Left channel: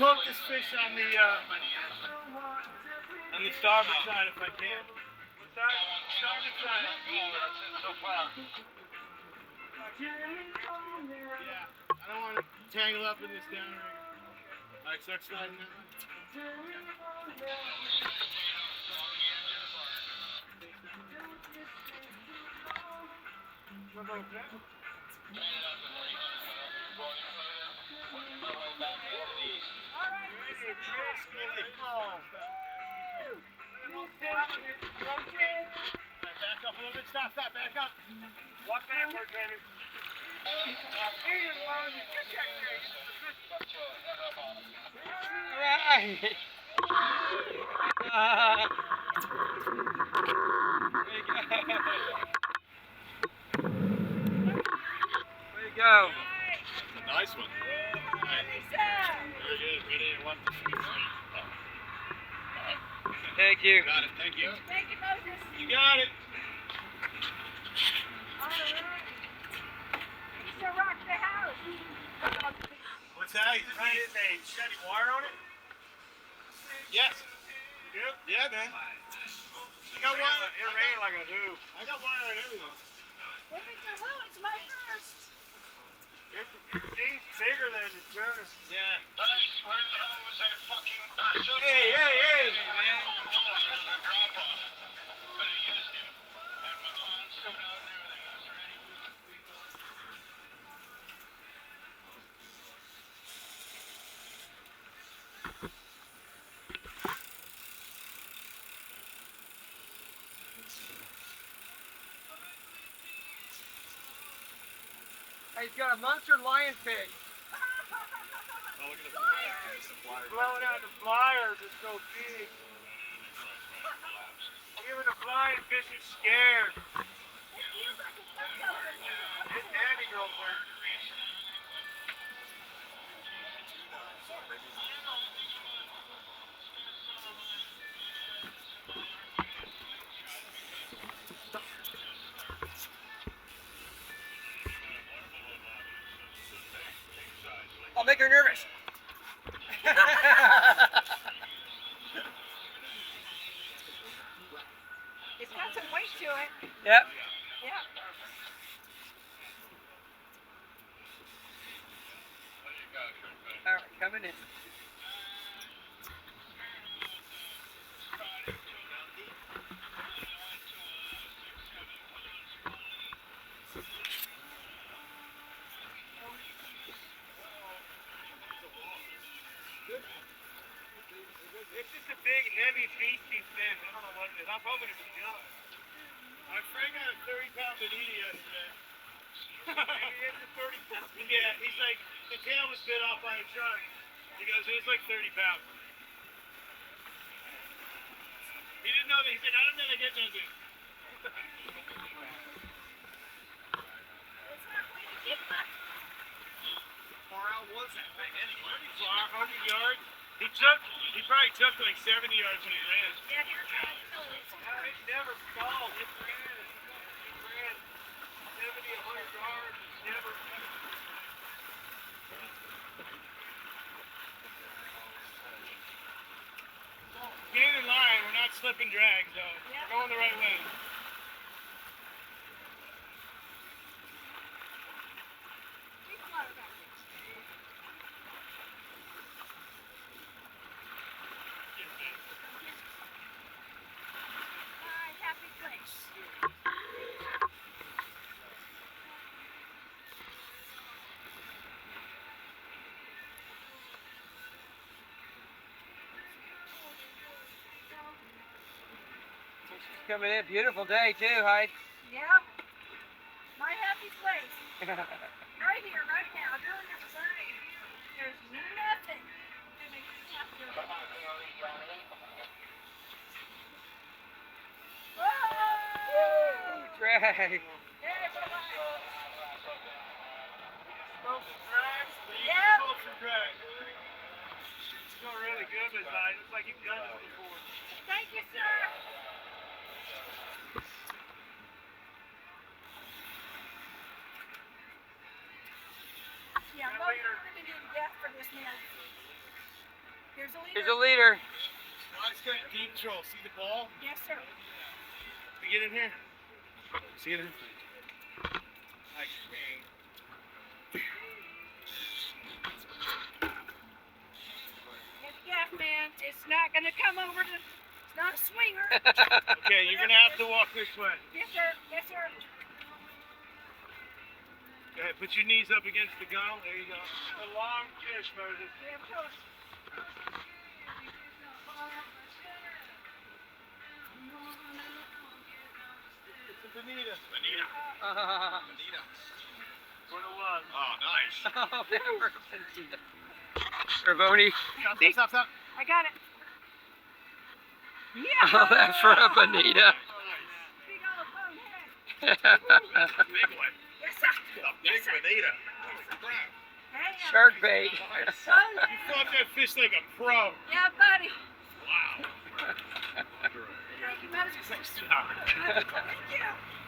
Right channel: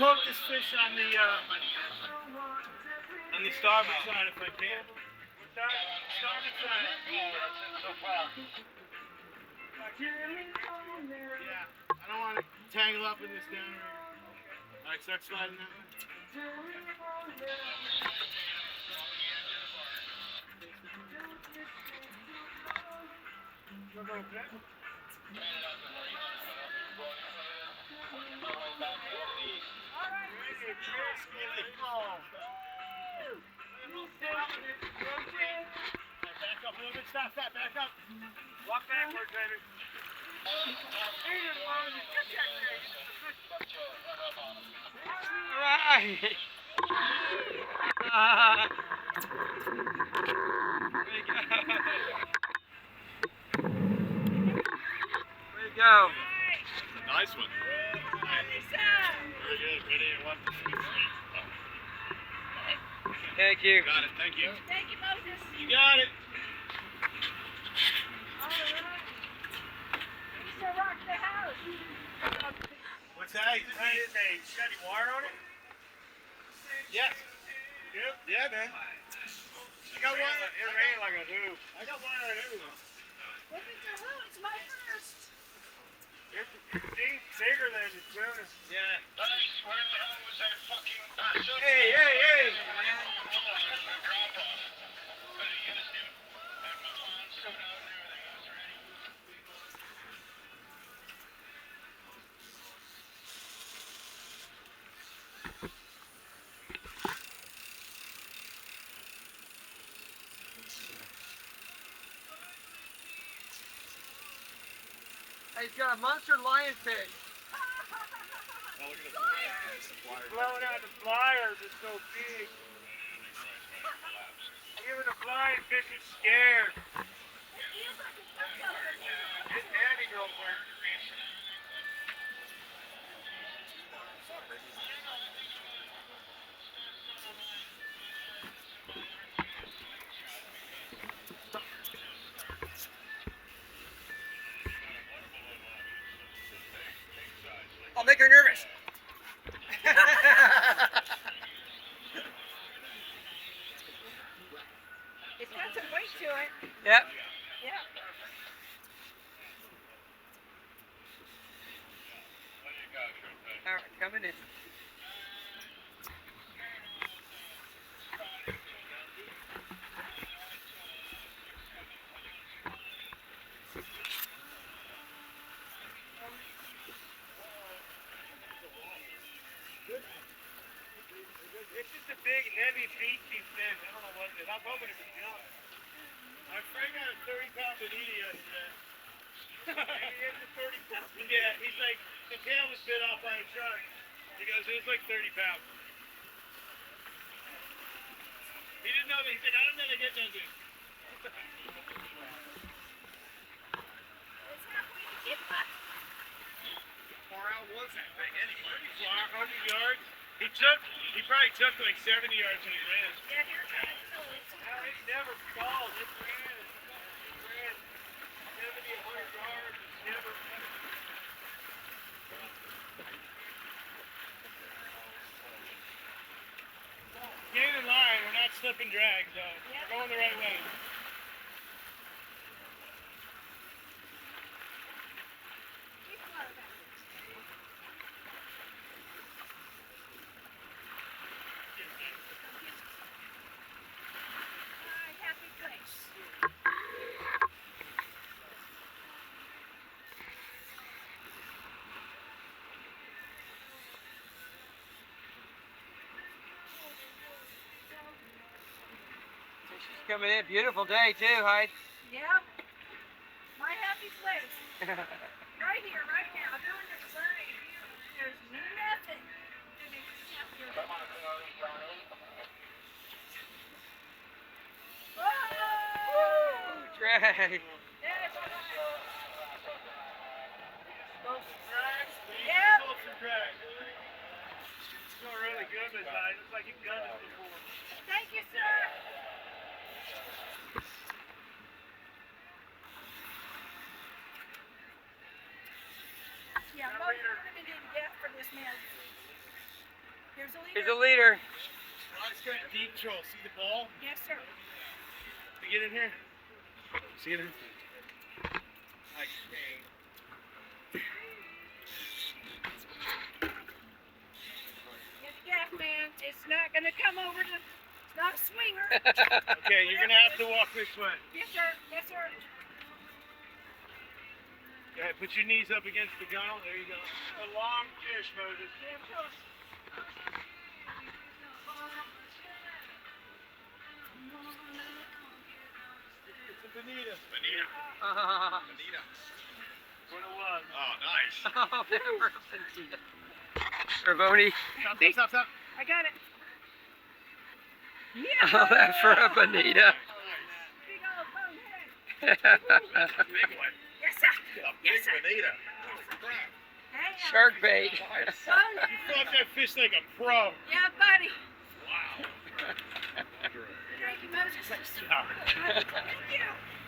poke this fish on the starboard side if I can. Starboard side. Yeah, I don't want to tangle up in this down right. Alright, start sliding that way. Back up a little bit, stop, back up. Walk backward, baby. Alright. Way to go. That's a nice one. Very good. Ready? One, two, three. Thank you. Got it. Thank you. Thank you, Moses. You got it. You still rock the house. What's that? Is a steady wire on it? Yes. Yep. Yeah, man. I got wire. It ran like a do. I got wire on everything. If it's a who, it's my first. It's bigger than the tuna. Yeah. Where the hell was that fucking... Hey, man. He's got a monster lionfish. Blowing out the flyers, it's so big. Even the flying fish is scared. It's heavy, girlfriend. I'll make her nervous. It's got some weight to it. Yep. Yeah. All right, coming in. It's just a big, heavy, beefy fish. I don't know what it is. I'm hoping it's a junk. My friend got a 30-pound bonita yesterday. Maybe it's a 30-pound. Yeah, he's like, the tail was bit off by a shark. He goes, it was like 30 pounds. He didn't know that. He said, I don't know they get no good. Far out was that thing anyway? 100 yards. He probably took like 70 yards when he ran. Yeah, here it goes. He never stalled. He ran 70, 100 yards. Never. Get in line. We're not slipping drag, so we're going the right way. Coming in, beautiful day too, Heidi. Yeah. My happy place. Right here, right now, doing this thing. There's nothing to make you happy. Whoa! Drag. Hey, Yeah. It's going really good this time. It's like you've done this before. thank you, sir. Yeah, most women didn't get for this man. Here's a leader. Here's a leader. Scott's got deep troll. See the ball? Yes, sir. You get in here. See it in? Nice thing. Get the gaff, man. It's not going to come over to... It's not a swinger. Okay, you're going to have to walk this way. Yes, sir. Yes, sir. Go ahead, put your knees up against the gunnel. There you go. A long fish, Moses. Yeah, of course. It's a bonita. Bonita. Oh, Bonita. 101. Oh, nice. Bonita. Raboni. Stop. I got it. Oh, Yeah. that for a bonita. Big old bonehead. Big one. Yes, sir. A big bonita. Hey, Shark bait. son. You fought that fish like a pro. Yeah, buddy. Wow. Thank you, Moses. Sorry. Thank you.